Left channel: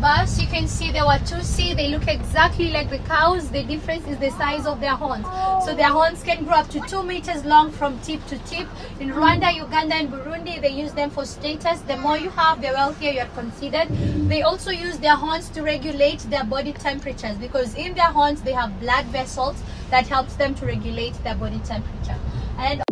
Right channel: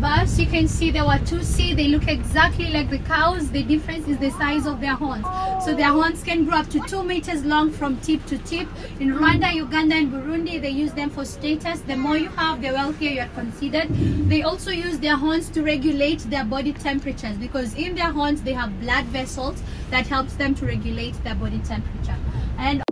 bus, you can see the Watusi. They look exactly like the cows. The difference is the size of their horns. So their horns can grow up to 2 meters long from tip to tip. In Rwanda, Uganda, and Burundi, they use them for status. The more you have, the wealthier you are considered. They also use their horns to regulate their body temperatures, because in their horns they have blood vessels that helps them to regulate their body temperature. And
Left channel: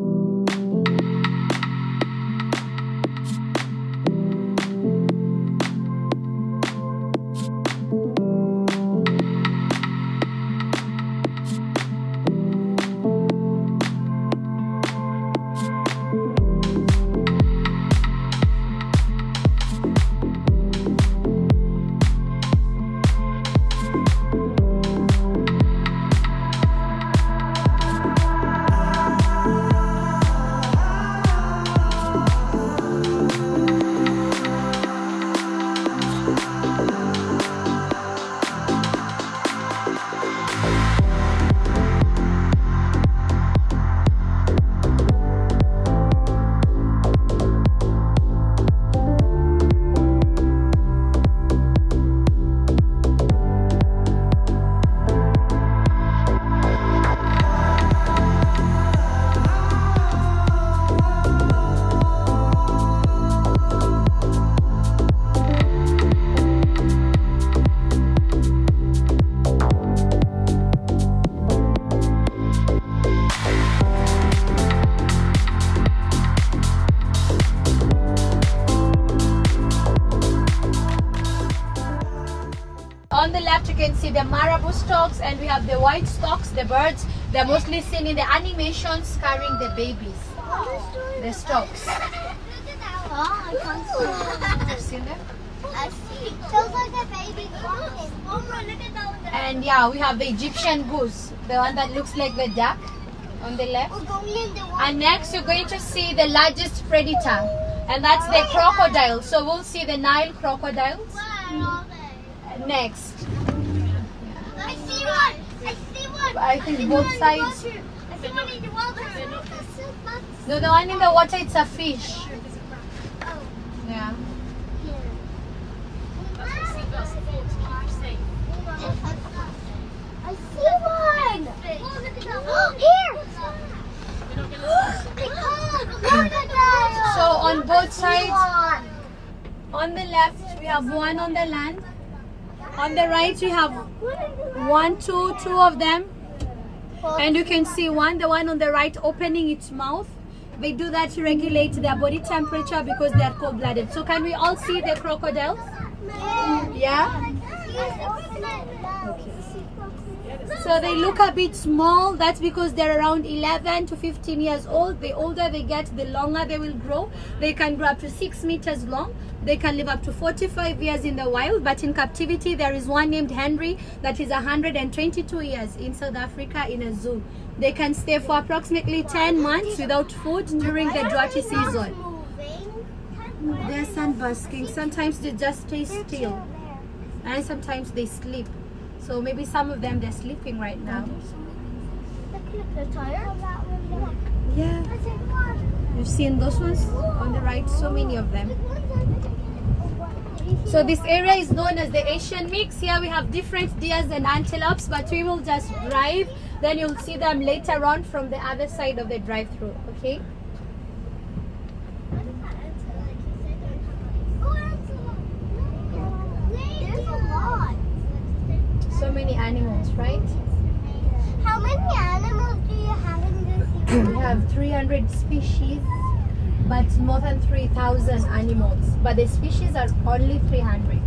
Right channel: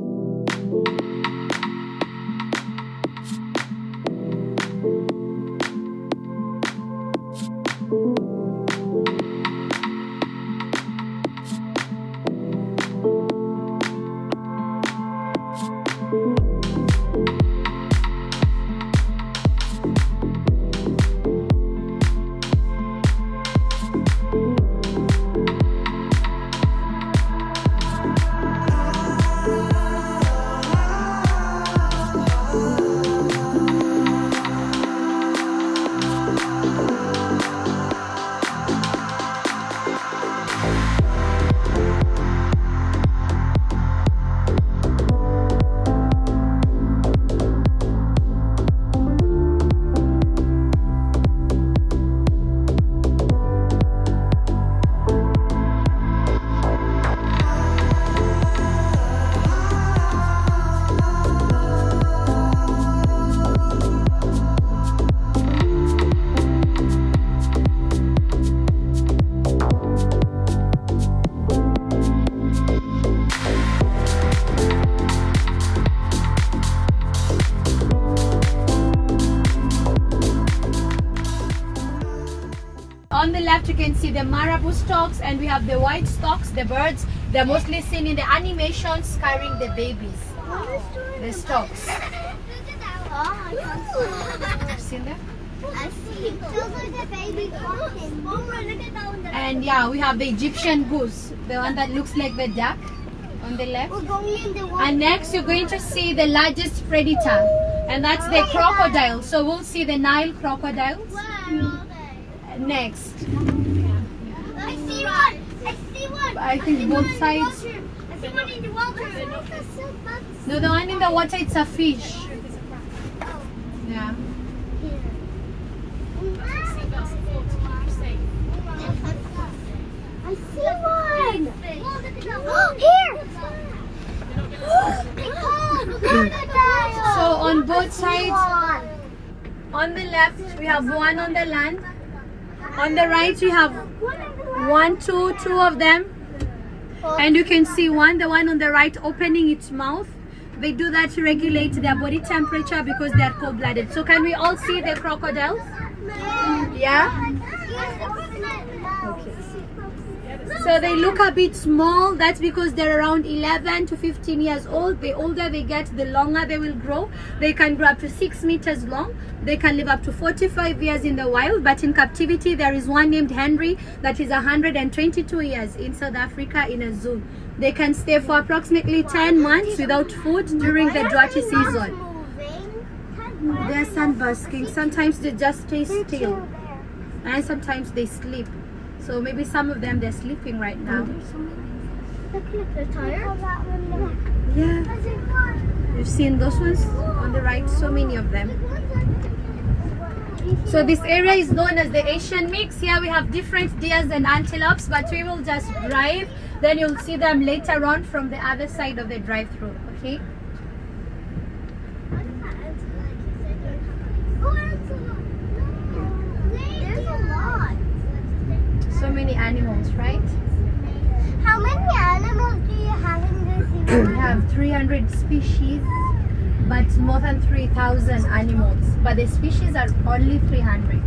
on the left you can see the marabou storks, and we have the white storks, the birds. They're mostly seen in the animations carrying the babies. The storks. You've seen them? I see. Feels like a baby walking. Look at that one. And yeah, we have the Egyptian goose, the one that looks like the duck on the left. We're going in the water. And next you're going to see the largest predator, and that's the crocodile. So we'll see the Nile crocodiles. Wow. Next. I see one. I see one. I think both sides. I see one in the water. No, the one in the water, it's a fish. Yeah. I see one. Here. So on both sides, on the left we have one on the land. On the right we have two of them. And you can see the one on the right opening its mouth. They do that to regulate their body temperature because they are cold-blooded. So can we all see the crocodiles? Yeah? Okay. So they look a bit small. That's because they're around 11 to 15 years old. The older they get, the longer they will grow. They can grow up to 6 meters long. They can live up to 45 years in the wild, but in captivity there is one named Henry that is 122 years in South Africa in a zoo. They can stay for approximately 10 months without food during the droughty season. They're sunbasking. Sometimes they just stay still, and sometimes they sleep. So maybe some of them, they're sleeping right now. The tire? Yeah. You've seen those ones on the right, so many of them. So this area is known as the Asian mix. Here we have different deers and antelopes, but we will just drive. Then you'll see them later on from the other side of the drive-through, okay? There's a lot. So many animals, right? How many animals do you have in this? We have 300 species, but more than 3,000 animals. But the species are only 300.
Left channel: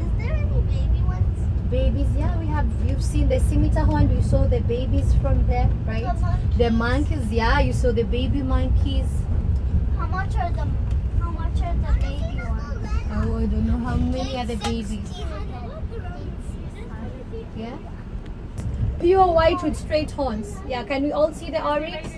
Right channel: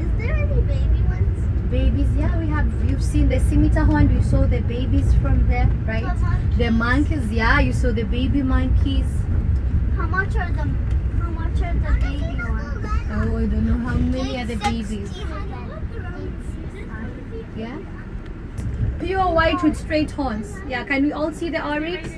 Is there any baby ones? Babies, yeah, we have. You've seen the scimitar horn. You saw the babies from there, right? The monkeys, yeah, you saw the baby monkeys. How much are the baby ones? Oh, I don't know how many are the babies. Yeah. Pure white with straight horns. Yeah, can we all see the oryx?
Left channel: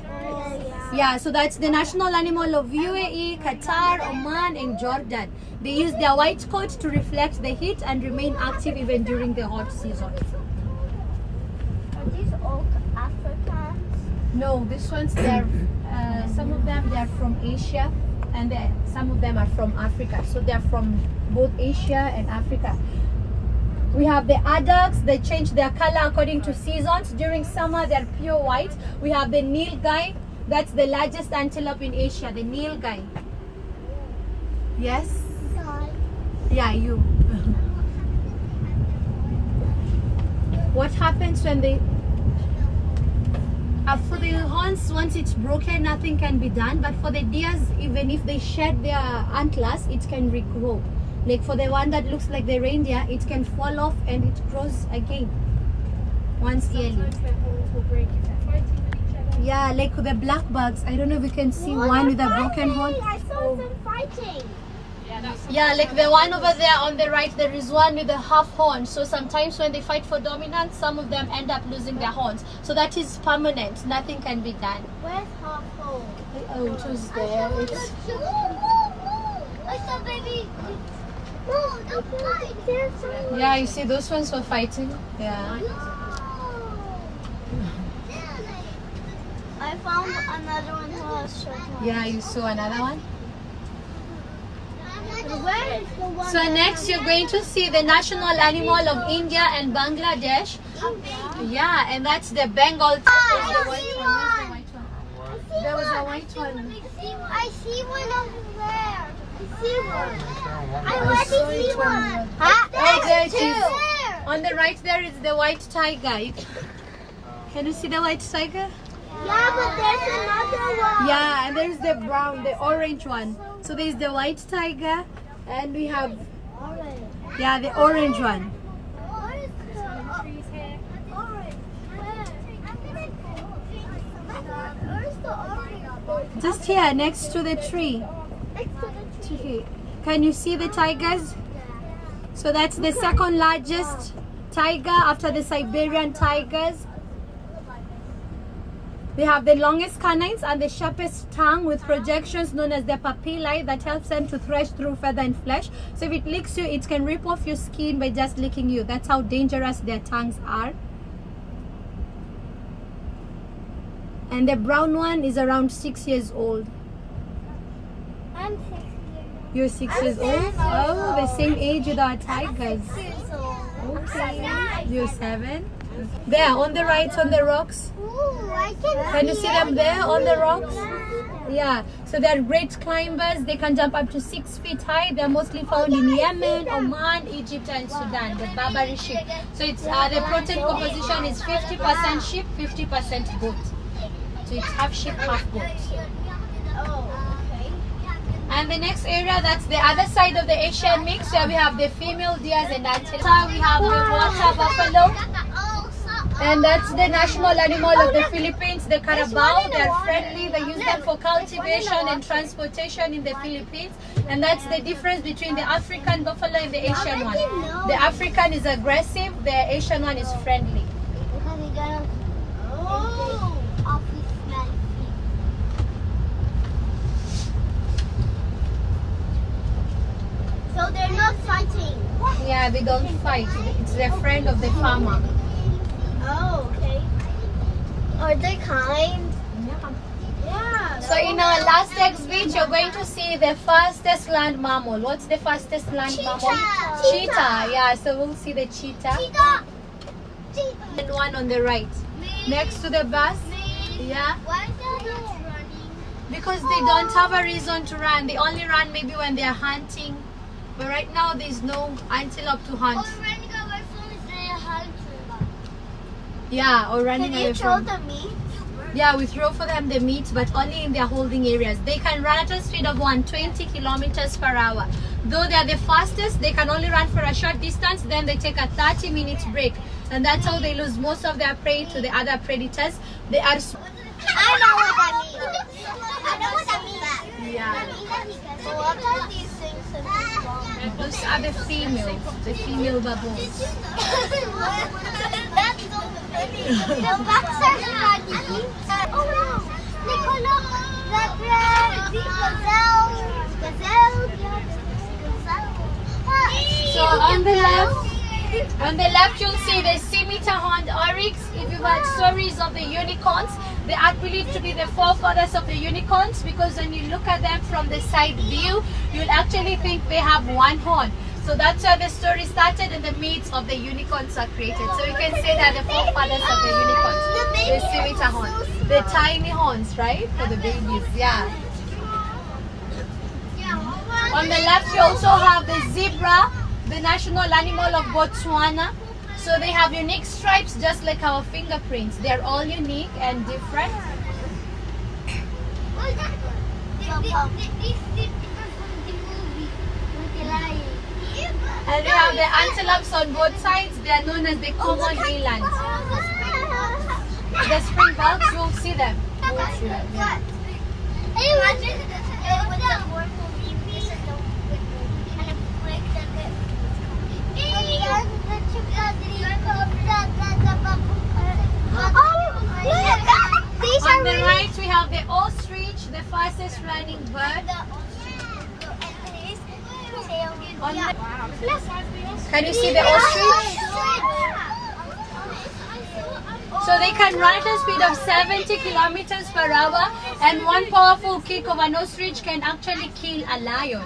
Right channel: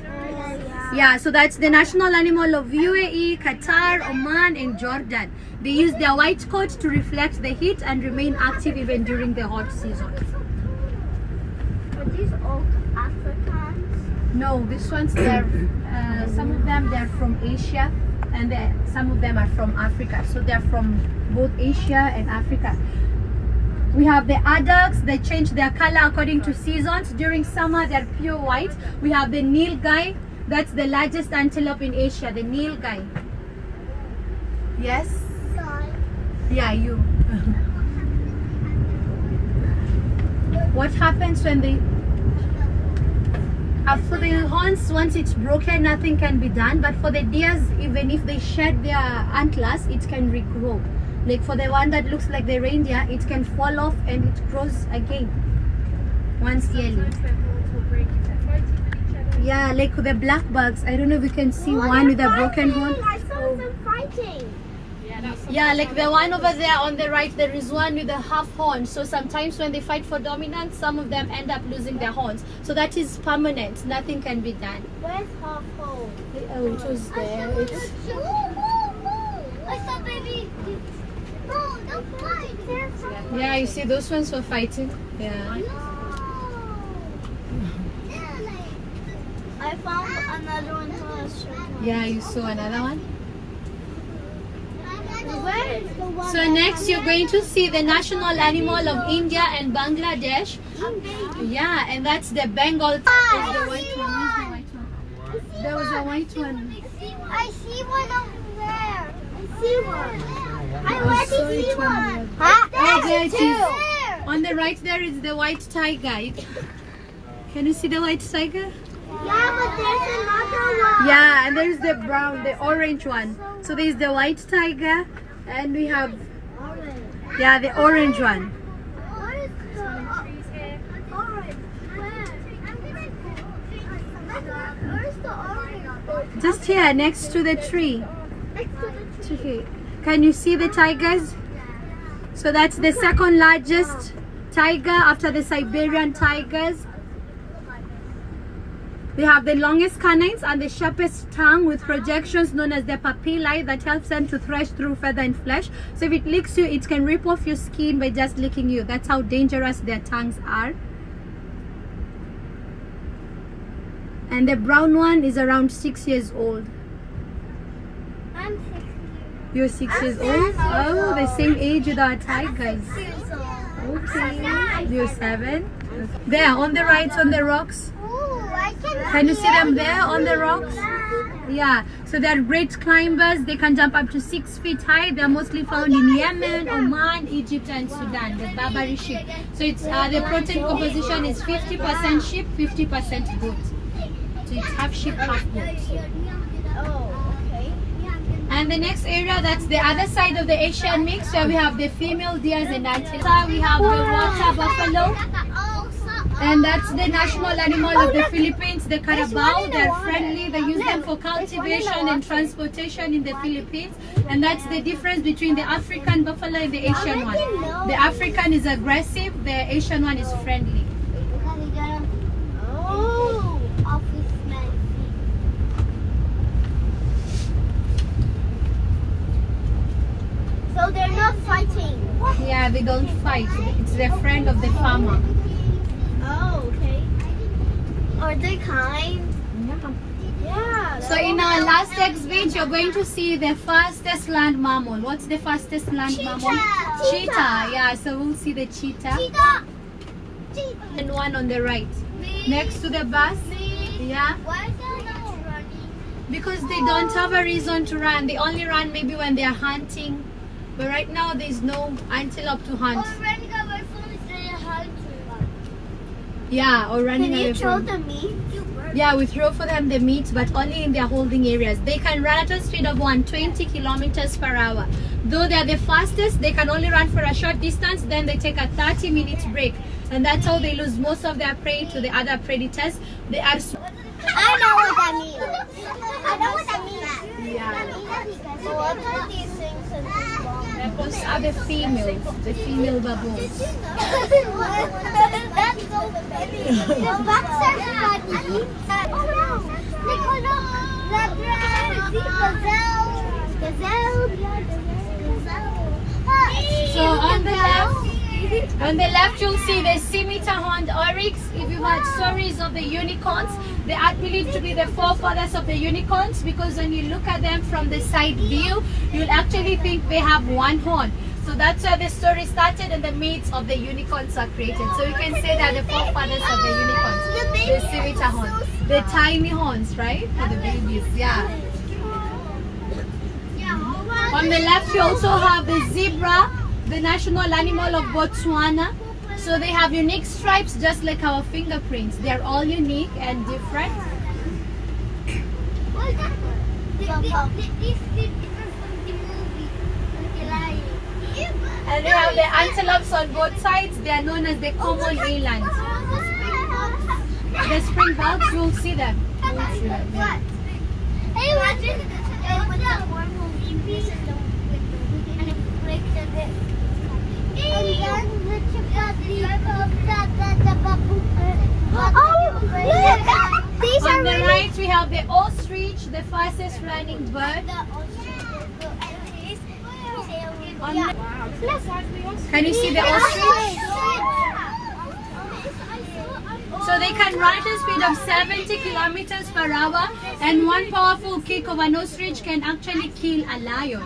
Yeah, so that's the national animal of UAE, Qatar, Oman, and Jordan. They use their white coat to reflect the heat and remain active even during the hot season. Are these all Africans? No, these ones, they're some of them they're from Asia. and some of them are from Africa. So they're from both Asia and Africa. We have the adults. They change their color according to seasons. During summer, they're pure white. We have the nilgai. That's the largest antelope in Asia, the nilgai. Yes? Yeah, you. What happens when they... for the horns, once it's broken, nothing can be done. But for the deers, even if they shed their antlers, it can regrow. Like for the one that looks like the reindeer, it can fall off and it grows again once yearly. Yeah, like the black bugs. I don't know if you can see one with a broken horn. I saw them fighting. Yeah, like the one over there on the right, there is one with a half horn. So sometimes when they fight for dominance, some of them end up losing their horns. So that is permanent. Nothing can be done. Where's half hole? Oh, it was there. It's... I saw baby. No, don't fight. There's some. Yeah, you see those ones were fighting. Yeah. I found another one who has short one. Yeah, you saw another one. Where is the one? So next you're going to see the national animal of India and Bangladesh. Yeah, and that's the Bengal. There's the white one. Where's the white one? There was a white one. I see one over there. I see one. I already see one. Oh, there it is. There. On the right there is the white tiger. Can you see the white tiger? Yeah, but there's another one. Yeah, and there's the brown, the orange one. So there's the white tiger, and we have, yeah, the orange one. What is the orange? Where's the orange? Just here, next to the tree. Next to the tree. Okay. Can you see the tigers? So that's the second largest tiger after the Siberian tigers. They have the longest canines and the sharpest tongue with projections known as the papillae that helps them to thresh through feather and flesh. So if it licks you, it can rip off your skin by just licking you. That's how dangerous their tongues are. And the brown one is around 6 years old. I'm 6 years old. You're 6 years old? Oh, the same age with our tigers. 6 years old. Okay. You're 7? There, on the right, on the rocks. Can you see them there on the rocks? Yeah, so they're great climbers. They can jump up to 6 feet high. They're mostly found in Yemen, Oman, Egypt and Sudan, the Barbary sheep. So it's the protein composition is 50% sheep, 50% goat. So it's half sheep, half goat. And the next area, that's the other side of the Asian mix, where we have the female deers and antelope. We have the water buffalo. And that's the national animal of the Philippines, the carabao. They're friendly. They use them for cultivation and transportation in the Philippines. And that's the difference between the African buffalo and the Asian one. The African is aggressive, the Asian one is friendly. So they're not fighting? Yeah, they don't fight. It's the friend of the farmer. Oh, okay. Are they kind? Yeah. So in our last exhibit, you're going to see the fastest land mammal. What's the fastest land mammal? Cheetah. Yeah, so we'll see the cheetah. Cheetah. And one on the right. Next to the bus. Yeah. Why is they not running? Because they don't have a reason to run. They only run maybe when they are hunting. But right now, there's no antelope to hunt. Running away from the hunting. Yeah, or running away from. Can you throw the meat? Yeah, we throw for them the meat, but only in their holding areas. They can run at a speed of 120 kilometers per hour. Though they are the fastest, they can only run for a short distance, then they take a 30-minute break. And that's how they lose most of their prey to the other predators. They are... I know what that means. I know what that means. Yeah. So what are these things that are long? Those are the female baboons. That's so funny. The backs are funny. Oh wow! Gazelle. So on the left, On the left, you'll see the scimitar horned oryx. If you've heard stories of the unicorns, they are believed to be the forefathers of the unicorns, because when you look at them from the side view, you'll actually think they have one horn. So that's where the story started, and the myths of the unicorns are created. So you can say that the forefathers of the unicorns, the scimitar horns, the tiny horns, right, for the babies. Yeah. On the left, you also have the zebra, the national animal of Botswana. So they have unique stripes just like our fingerprints. They are all unique and different. And we have the antelopes on both sides. They are known as the common eland. The springboks, we'll see them. We'll see them, yeah. On the right, we have the ostrich, the fastest running bird. Can you see the ostrich? So they can run at a speed of 70 kilometers per hour, and one powerful kick of an ostrich can actually kill a lion.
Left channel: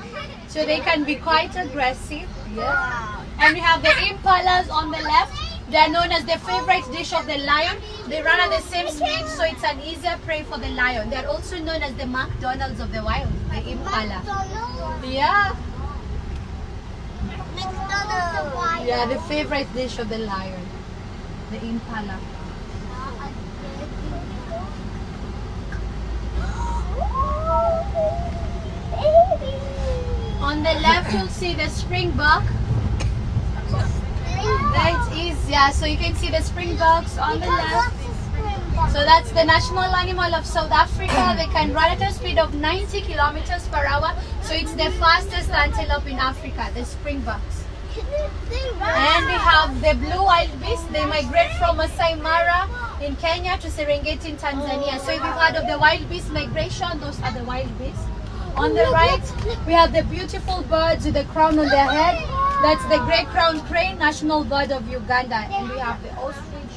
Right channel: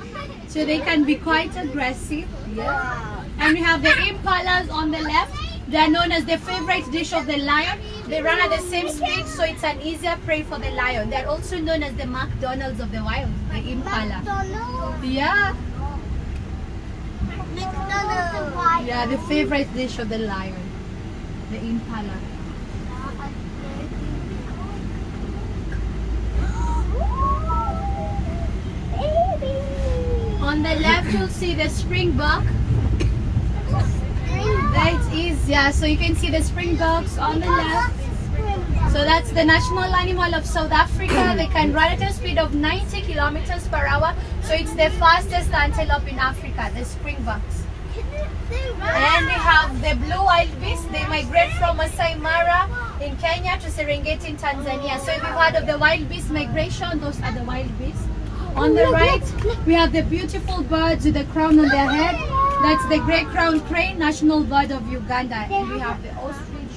So they can be quite aggressive. Yeah. And we have the impalas on the left. They are known as the favorite dish of the lion. They run at the same speed, so it's an easier prey for the lion. They are also known as the McDonald's of the wild, the impala. Yeah. Yeah, the favorite dish of the lion, the impala. On the left, you'll see the springbok. That is, yeah, so you can see the springboks on the left. So that's the national animal of South Africa. They can run at a speed of 90 kilometers per hour. So it's the fastest antelope in Africa, the springboks. And we have the blue wildebeest. They migrate from Masai Mara in Kenya to Serengeti in Tanzania. So if you've heard of the wildebeest migration, those are the wildebeest. On the right, we have the beautiful birds with the crown on their head. That's the great crowned crane, national bird of Uganda. And we have the ostrich.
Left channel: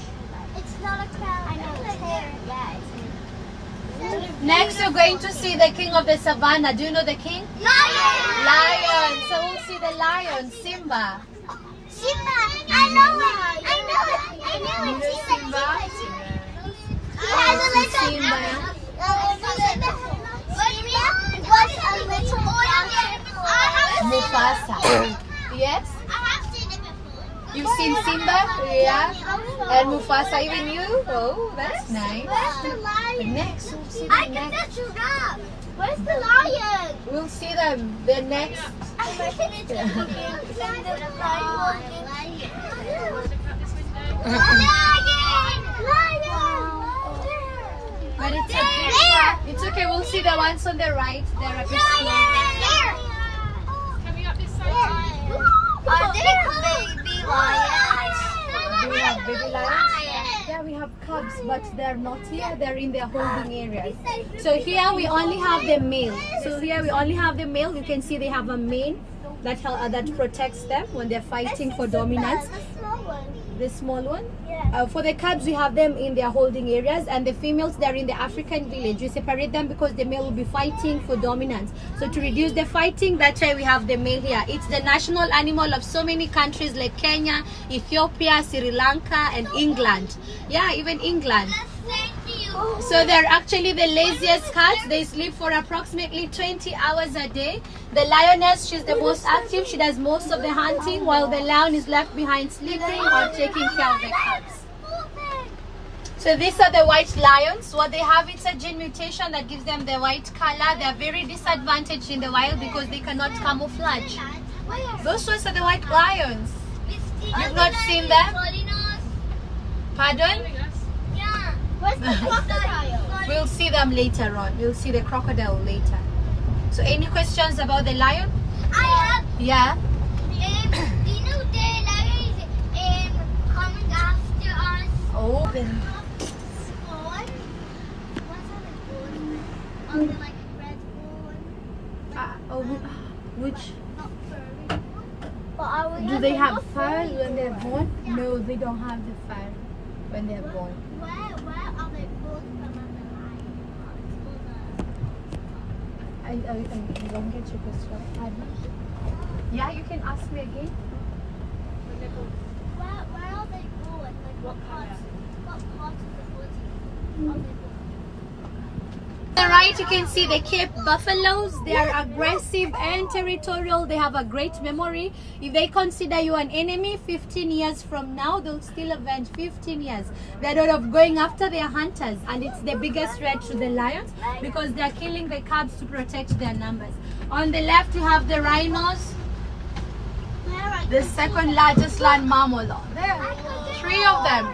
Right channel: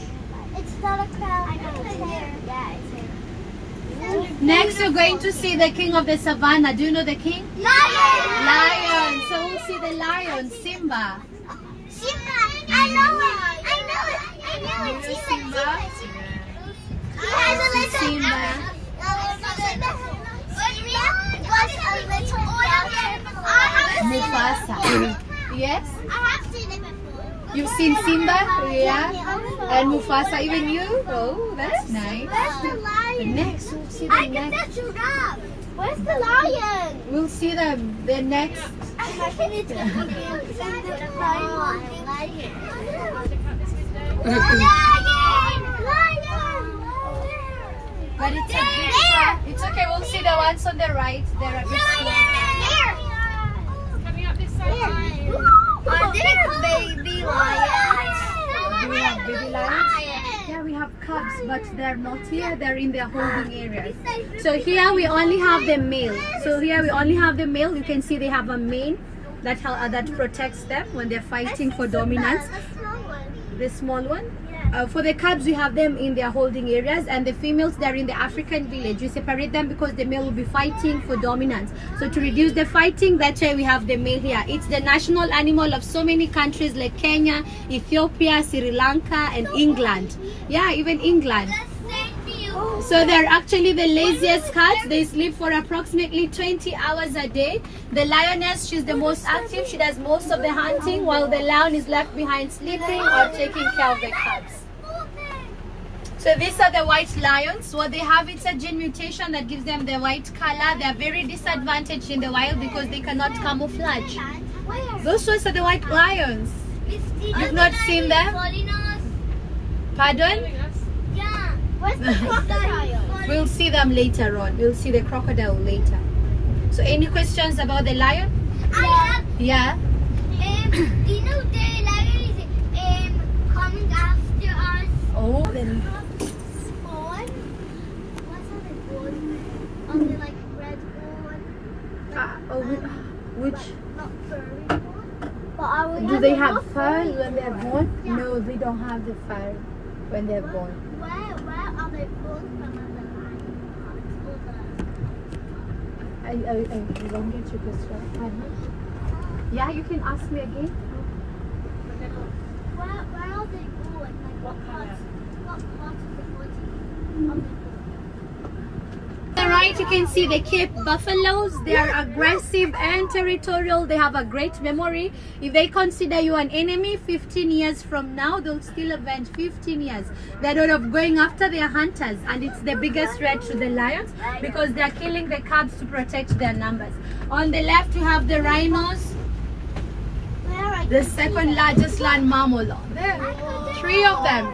It's not a crown. Next, you're going to see the king of the savannah. Do you know the king? Lion! Lion. So we'll see the lion, Simba. Simba! I know it! I know it! I know it! Simba. Simba. Mufasa. Yes? I have seen it before. You've seen Simba? Yeah. And Mufasa, even you? Oh, that's nice. Where's the lion? Next, we'll see I the can next. touch that. Where's the lion? We'll see them. The next. But it's okay. It's okay. We'll see the ones on the right. They're a bit slow. Baby lions. Do we have baby lions? Yeah, we have cubs, but they're not here. They're in their holding areas. So here we only have the male. So here we only have the male. You can see they have a mane that protects them when they're fighting for dominance. The small one. For the cubs, we have them in their holding areas, and the females, they're in the African village. We separate them because the male will be fighting for dominance. So to reduce the fighting, that's why we have the male here. It's the national animal of so many countries like Kenya, Ethiopia, Sri Lanka, and England. Yeah, even England. So they're actually the laziest cats. They sleep for approximately 20 hours a day. The lioness, she's the most active. She does most of the hunting, while the lion is left behind sleeping or taking care of the cubs. So these are the white lions. What they have, it's a gene mutation that gives them the white color. They are very disadvantaged in the wild because they cannot camouflage. Those ones are the white lions. You've not seen them? Pardon? Where's the crocodile? We'll see them later on. We'll see the crocodile later. So any questions about the lion? I have. Yeah. Do you know the lion is coming after us? Oh. Then On the like red one. which? Not furry. But I would Do they have fur when they are born? No, they don't have the fur when they are born. Where are they born I don't get your question. Yeah, you can ask me again. Where are they born? Like what parts of the body? On the right, you can see the Cape buffaloes. They are aggressive and territorial. They have a great memory. If they consider you an enemy, 15 years from now, they'll still avenge. 15 years. They're not of going after their hunters, and it's the biggest threat to the lions because they're killing the cubs to protect their numbers. On the left, you have the rhinos, the second largest land mammal. There, 3 of them.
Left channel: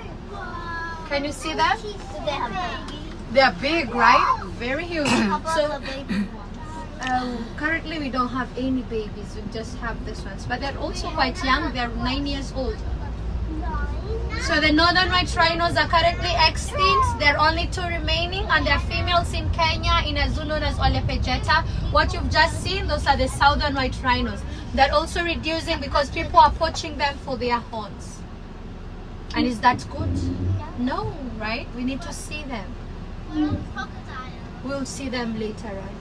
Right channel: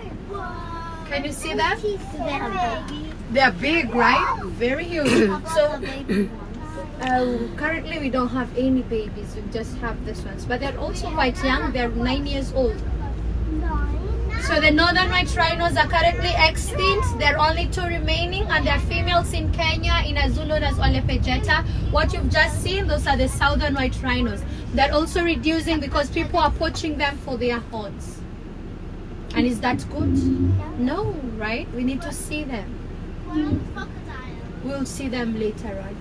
Can you see them? They are big, right? Very huge. So currently we don't have any babies. We just have this ones, but they're also quite young. They're 9 years old. So the northern white rhinos are currently extinct. There are only 2 remaining, and they're females in Kenya in a zoo known as Olepejeta. What you've just seen, those are the southern white rhinos. They're also reducing because people are poaching them for their horns. And is that good? No, right? We need to see them. We'll see them later on.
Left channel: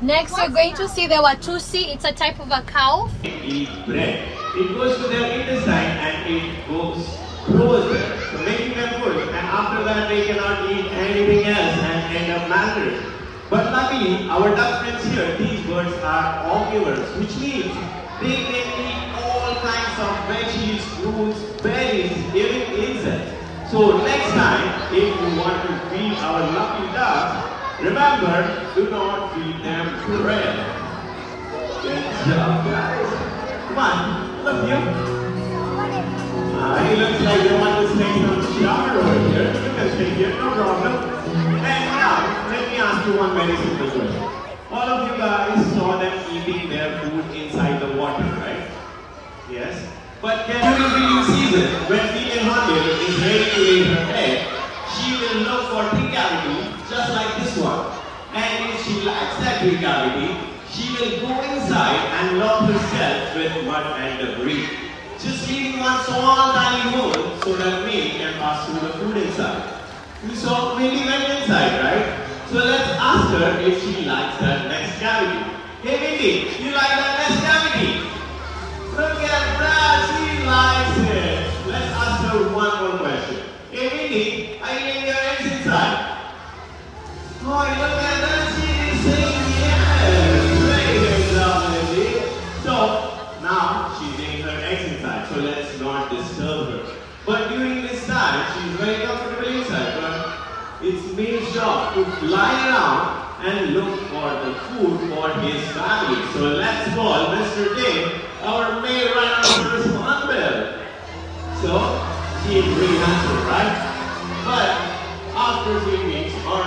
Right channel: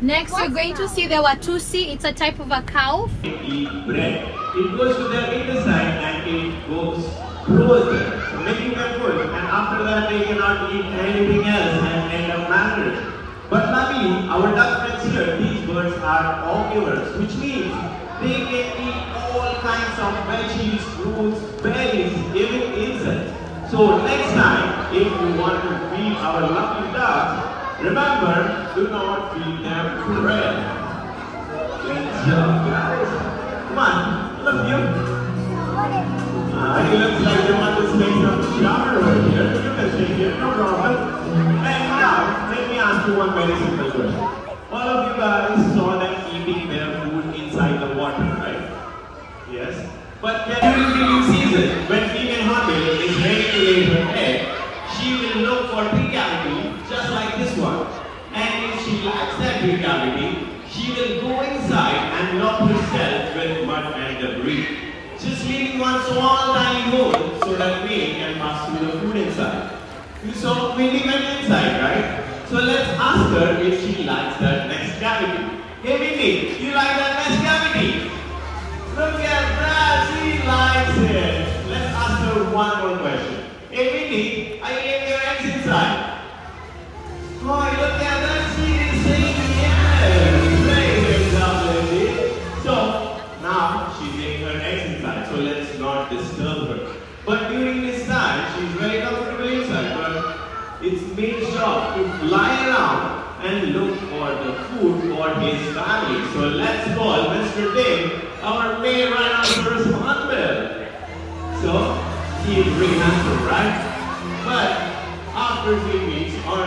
Next, we're going to see the Watusi. It's a type of a cow. Eat bread. It goes to their intestine and it grows there, so making them full. And after that, they cannot eat anything else and end up malnourished. But luckily, our duck friends here, these birds are omnivores, which means they can eat all kinds of veggies, fruits, berries, even insects. So next time, if you want to feed our lucky ducks, remember, do not feed them bread. Good job, guys. Come on, love you. It looks like your mother's taking a shower over here. You can take it, no problem. And now, let me ask you one very simple question. All of you guys saw them eating their food inside the water, right? Yes. But then during breeding season, when female hornbill is ready to lay her egg, she will look for tree cavity just like this one. And if she likes that tree cavity, she will go inside and lock herself with mud and debris, just leaving one small tiny hole so that mate can pass through the food inside. You saw mating went inside, right? So let's ask her if she likes that next cavity. Hey Mindy, you like that next cavity? Look at that, she likes it. Let's ask her one more question. Hey Mindy, are you laying your eggs inside? Oh, look at that, she is saying yes. Very job, Mindy. So, now she's laying her eggs inside, so let's not disturb her. But during this time, she's very comfortable inside, but it's mate's job to fly around and look for the food for his family. So let's call Mr. Dave, our main rhinoceros hornbill. So, he is really natural, right? But after 3 weeks, or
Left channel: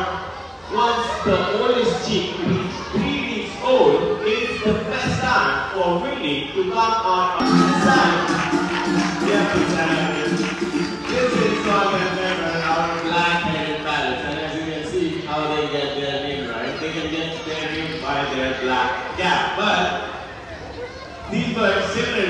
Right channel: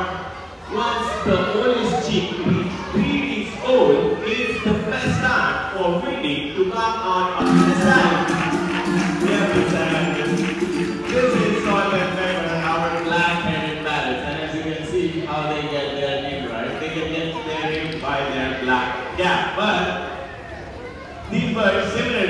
once the oldest chick reaches 3 weeks old, it's the best time for breeding to come on inside. This is called our black-headed parrots, and as you can see how they get their name, right? They can get their name by their black cap. But these birds similarly